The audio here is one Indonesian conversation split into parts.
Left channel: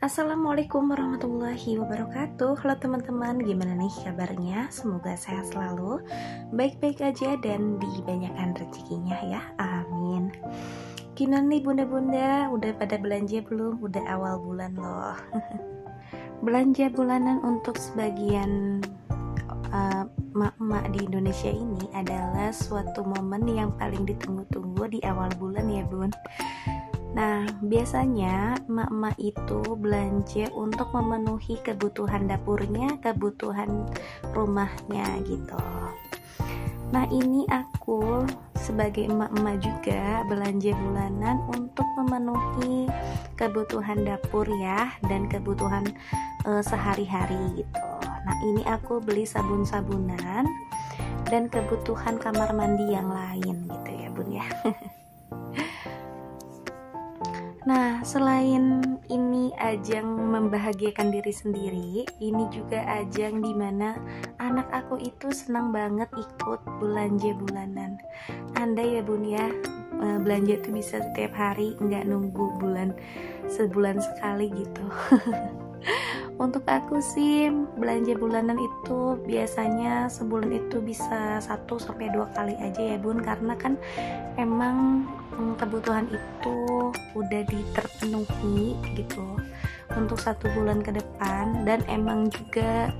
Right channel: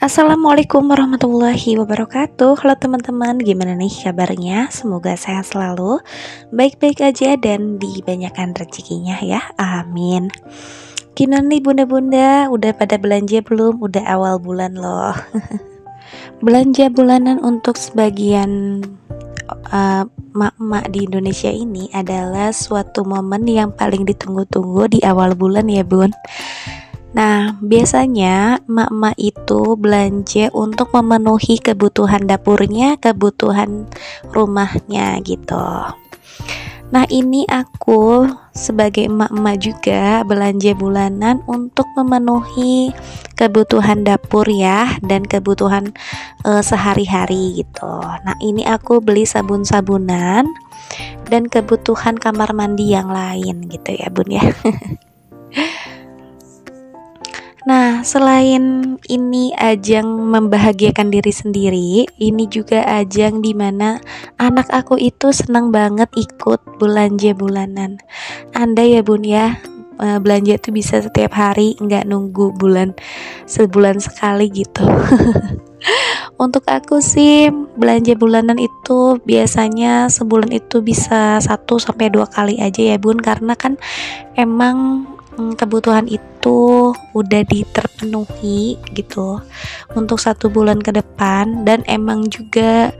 Assalamualaikum warahmatullahi wabarakatuh. Halo teman-teman, gimana nih kabarnya? Semoga sehat selalu, baik-baik aja dan dibanyakan rezekinya ya, amin. Gimana nih bunda-bunda, udah pada belanja belum? Udah awal bulan loh. Belanja bulanan untuk sebagian mak-mak di Indonesia ini adalah suatu momen yang paling ditunggu-tunggu di awal bulan ya bun. Nah, biasanya emak-emak itu belanja untuk memenuhi kebutuhan dapurnya, kebutuhan rumahnya gitu. Nah, ini aku sebagai emak-emak juga belanja bulanan untuk memenuhi kebutuhan dapur ya dan kebutuhan sehari-hari gitu. Nah, ini aku beli sabun-sabunan dan kebutuhan kamar mandi yang lain gitu ya, Bun ya. Nah, selain ini ajang membahagiakan diri sendiri, ini juga ajang dimana anak aku itu senang banget ikut belanja bulanan. Andai ya bun ya, belanja itu bisa setiap hari, nggak nunggu sebulan sekali gitu. Untuk aku sih belanja bulanan itu biasanya sebulan itu bisa 1 sampai 2 kali aja ya bun, karena kan emang kebutuhan itu udah terpenuhi gitu untuk 1 bulan ke depan, dan emang juga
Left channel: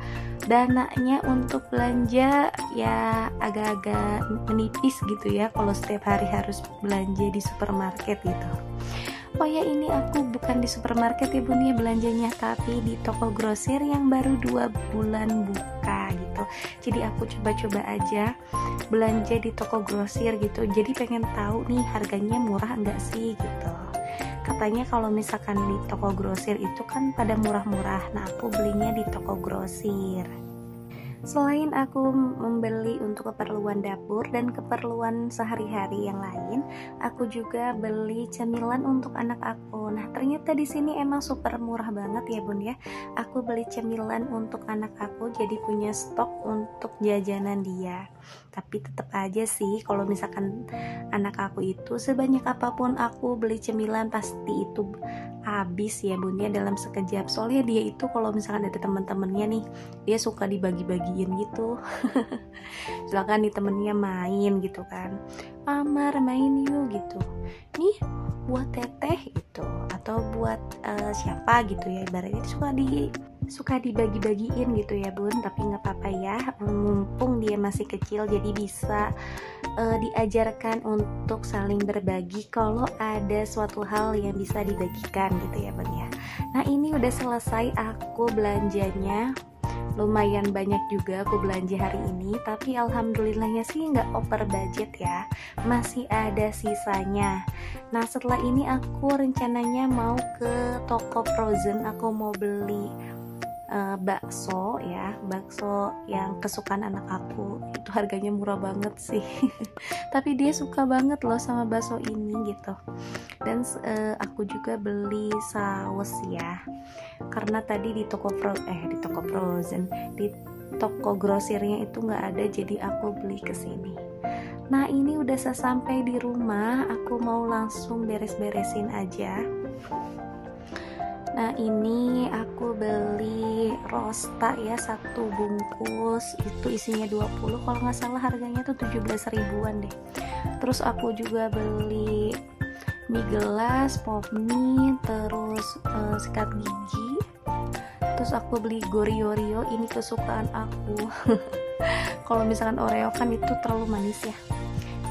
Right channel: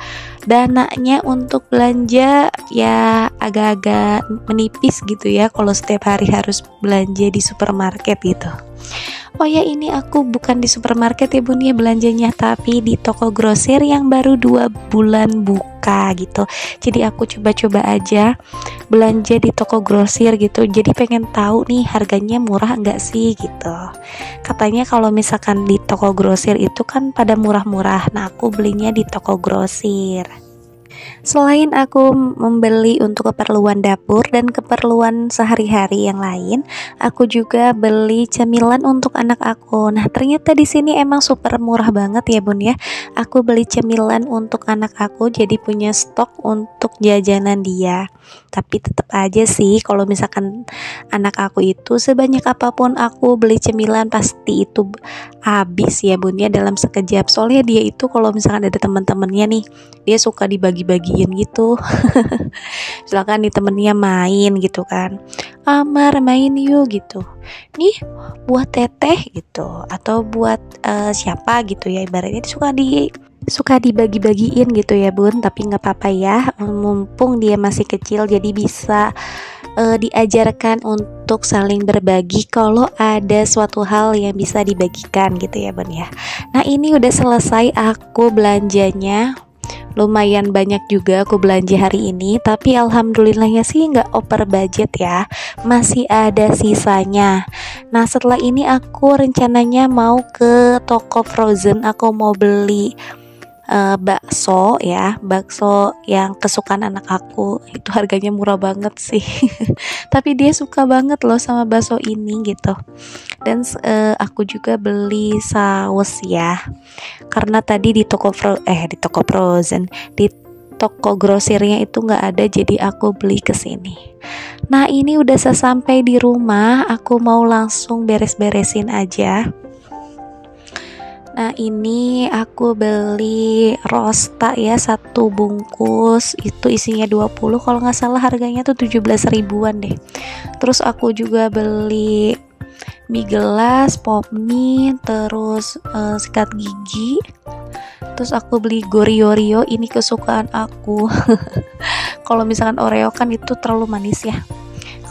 dananya untuk belanja ya agak-agak menipis gitu ya kalau setiap hari harus belanja di supermarket gitu. Oh ya, ini aku bukan di supermarket ya bun ya belanjanya, tapi di toko grosir yang baru 2 bulan buka gitu. Jadi aku coba-coba aja belanja di toko grosir gitu. Jadi pengen tahu nih harganya murah enggak sih gitu. Katanya kalau misalkan di toko grosir itu kan pada murah-murah. Nah, aku belinya di toko grosir. Selain aku membeli untuk keperluan dapur dan keperluan sehari-hari yang lain, aku juga beli cemilan untuk anak aku. Nah, ternyata di sini emang super murah banget ya, Bun ya. Aku beli cemilan untuk anak aku jadi punya stok untuk jajanan dia. Tapi tetap aja sih kalau misalkan anak aku itu sebanyak apapun aku beli cemilan pasti itu habis ya, Bun ya, dalam sekejap. Soalnya dia itu kalau misalkan ada teman-temannya nih, dia suka dibagi-bagiin gitu. Misalkan nih temennya main gitu kan, Amar main yuk gitu, nih buat teteh gitu, atau buat siapa gitu ya, ibaratnya suka dibagi-bagiin gitu ya bun. Tapi nggak apa-apa ya, mumpung dia masih kecil jadi bisa diajarkan untuk saling berbagi kalau ada suatu hal yang bisa dibagikan gitu ya bun ya. Nah, ini udah selesai aku belanjanya, lumayan banyak juga aku belanja hari ini, tapi alhamdulillahnya sih nggak over budget ya, masih ada sisanya. Nah, setelah ini aku rencananya mau ke toko frozen, aku mau beli bakso ya, bakso yang kesukaan anak aku. Itu harganya murah banget sih. Tapi dia suka banget loh sama bakso ini gitu. Dan aku juga beli saus ya, karena tadi di toko frozen, di toko grosirnya itu nggak ada, jadi aku beli ke sini. Nah, ini udah sesampai di rumah, aku mau langsung beres-beresin aja. Nah, ini aku beli rosta ya, 1 bungkus itu isinya 20, kalau nggak salah harganya tuh 17 ribuan deh. Terus aku juga beli mie gelas, pop mie, terus sikat gigi. Terus aku beli Goriorio, ini kesukaan aku. Kalau misalkan Oreo kan itu terlalu manis ya,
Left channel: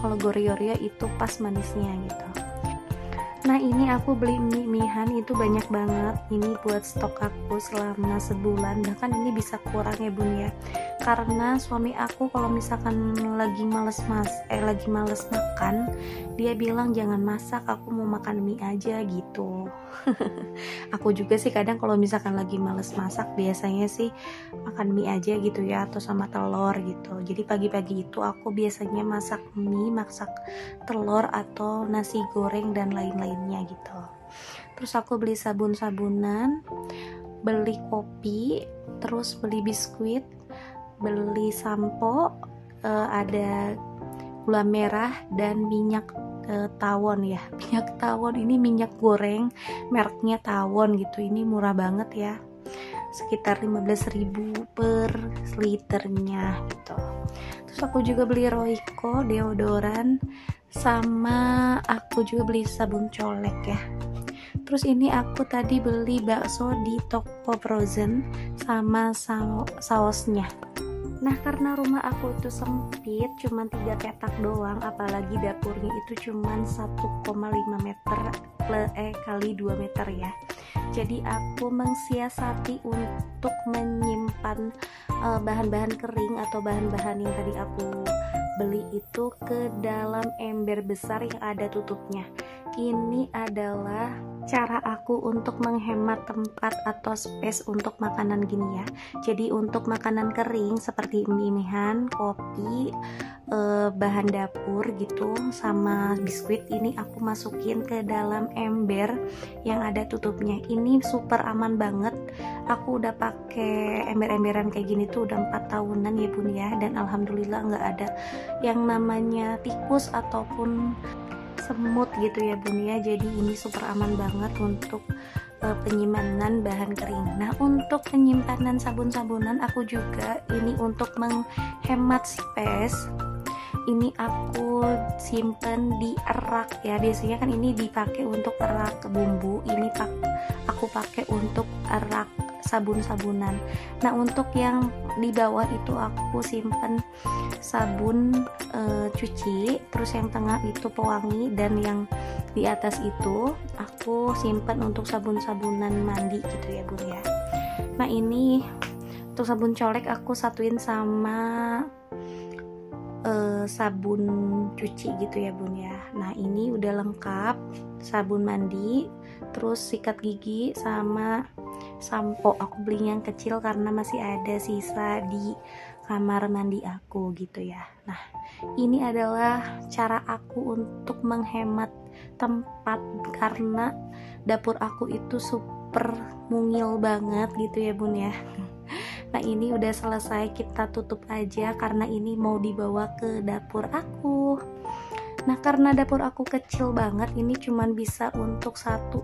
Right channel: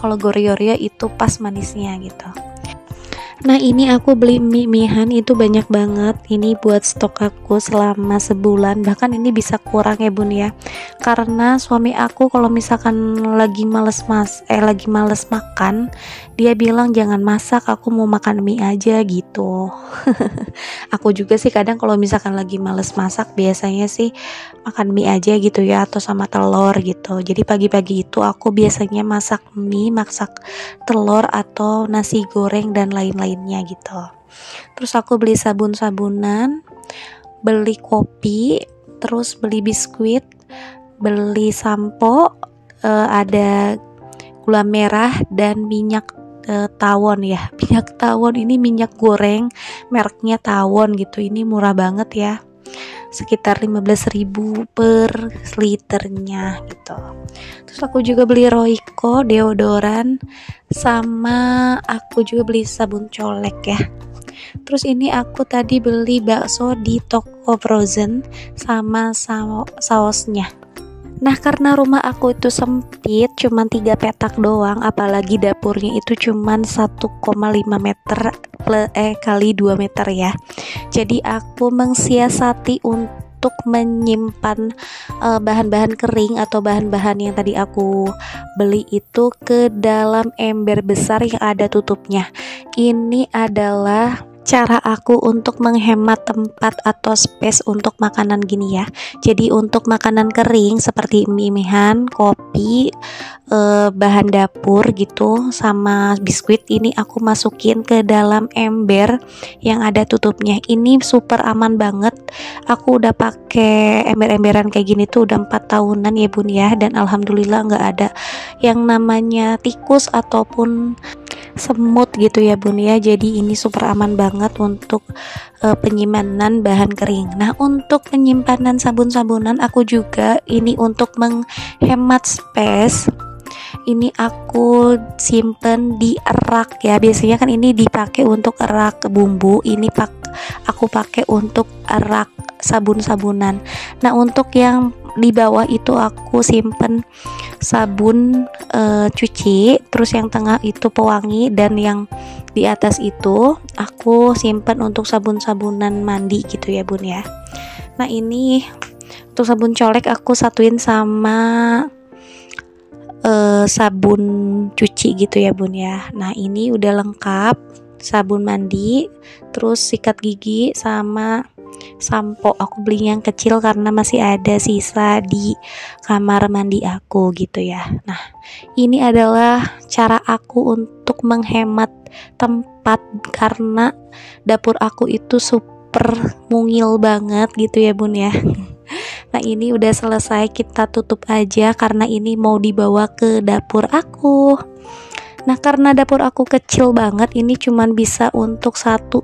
kalau Goriorio itu pas manisnya gitu. Nah, ini aku beli mie-mihan itu banyak banget. Ini buat stok aku selama sebulan, bahkan ini bisa kurang ya bun ya, karena suami aku kalau misalkan lagi males makan, dia bilang jangan masak, aku mau makan mie aja gitu. Aku juga sih kadang kalau misalkan lagi males masak biasanya sih makan mie aja gitu ya, atau sama telur gitu. Jadi pagi-pagi itu aku biasanya masak mie, masak telur atau nasi goreng dan lain-lainnya gitu. Terus aku beli sabun-sabunan, beli kopi, terus beli biskuit, beli sampo, ada gula merah dan minyak tawon ya. Minyak tawon ini minyak goreng mereknya tawon gitu. Ini murah banget ya, sekitar 15.000 per liternya gitu. Terus aku juga beli Royco deodoran, sama aku juga beli sabun colek ya. Terus ini aku tadi beli bakso di toko frozen sama sausnya. Nah, karena rumah aku itu sempit, cuman 3 petak doang, apalagi dapurnya itu cuman 1,5 meter kali 2 meter ya. Jadi aku mengsiasati untuk menyimpan bahan-bahan kering atau bahan-bahan yang tadi aku beli itu ke dalam ember besar yang ada tutupnya. Ini adalah cara aku untuk menghemat tempat atau space untuk makanan gini ya. Jadi untuk makanan kering seperti mie-mihan, kopi, bahan dapur gitu sama biskuit, ini aku masukin ke dalam ember yang ada tutupnya. Ini super aman banget. Aku udah pakai ember-emberan kayak gini tuh udah 4 tahunan ya bun ya, dan alhamdulillah nggak ada yang namanya tikus ataupun semut gitu ya bun ya. Jadi ini super aman banget untuk penyimpanan bahan kering. Nah, untuk penyimpanan sabun-sabunan aku juga ini untuk menghemat space, ini aku simpen di rak ya. Biasanya kan ini dipakai untuk rak bumbu, ini aku pakai untuk rak sabun-sabunan. Nah, untuk yang di bawah itu aku simpen sabun cuci, terus yang tengah itu pewangi, dan yang di atas itu aku simpen untuk sabun-sabunan mandi gitu ya bun ya. Nah, ini untuk sabun colek aku satuin sama sabun cuci gitu ya bun ya. Nah, ini udah lengkap, sabun mandi, terus sikat gigi sama sampo. Aku beli yang kecil karena masih ada sisa di kamar mandi aku gitu ya. Nah, ini adalah cara aku untuk menghemat tempat karena dapur aku itu super mungil banget gitu ya bun ya. Nah, ini udah selesai, kita tutup aja karena ini mau dibawa ke dapur aku. Nah, karena dapur aku kecil banget, ini cuman bisa untuk 1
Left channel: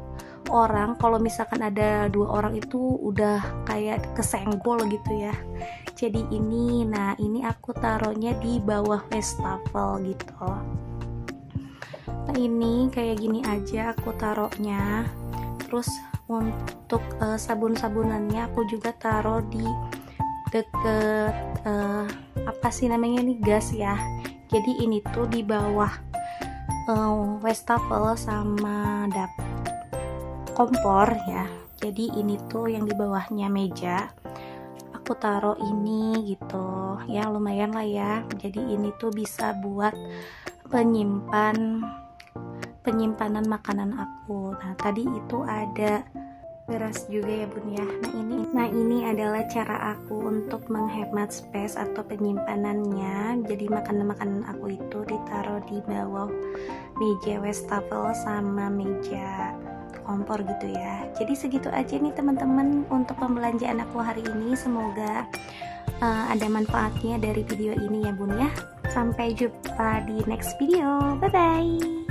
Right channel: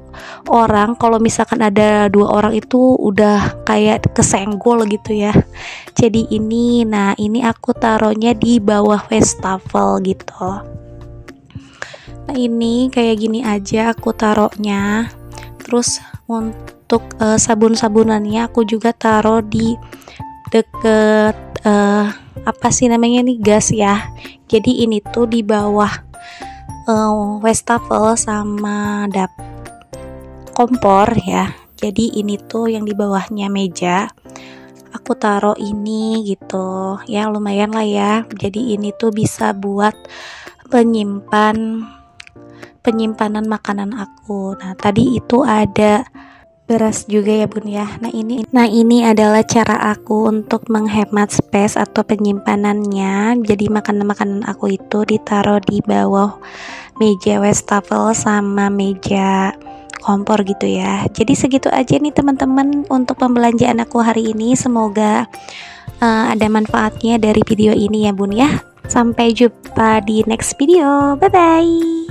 orang. Kalau misalkan ada 2 orang itu udah kayak kesenggol gitu ya. Jadi ini, nah ini aku taruhnya di bawah wastafel gitu. Nah, ini kayak gini aja aku taruhnya. Terus untuk sabun-sabunannya aku juga taruh di deket apa sih namanya nih, gas ya. Jadi ini tuh di bawah wastafel sama kompor ya. Jadi ini tuh yang di bawahnya meja aku taruh ini gitu ya, lumayan lah ya. Jadi ini tuh bisa buat penyimpanan makanan aku. Nah, tadi itu ada beras juga ya bun ya. Nah ini adalah cara aku untuk menghemat space atau penyimpanannya. Jadi makanan-makanan aku itu ditaruh di bawah meja wastafel sama meja kompor gitu ya. Jadi segitu aja nih teman-teman untuk pembelanjaan aku hari ini. Semoga ada manfaatnya dari video ini ya bun ya. Sampai jumpa di next video. Bye bye.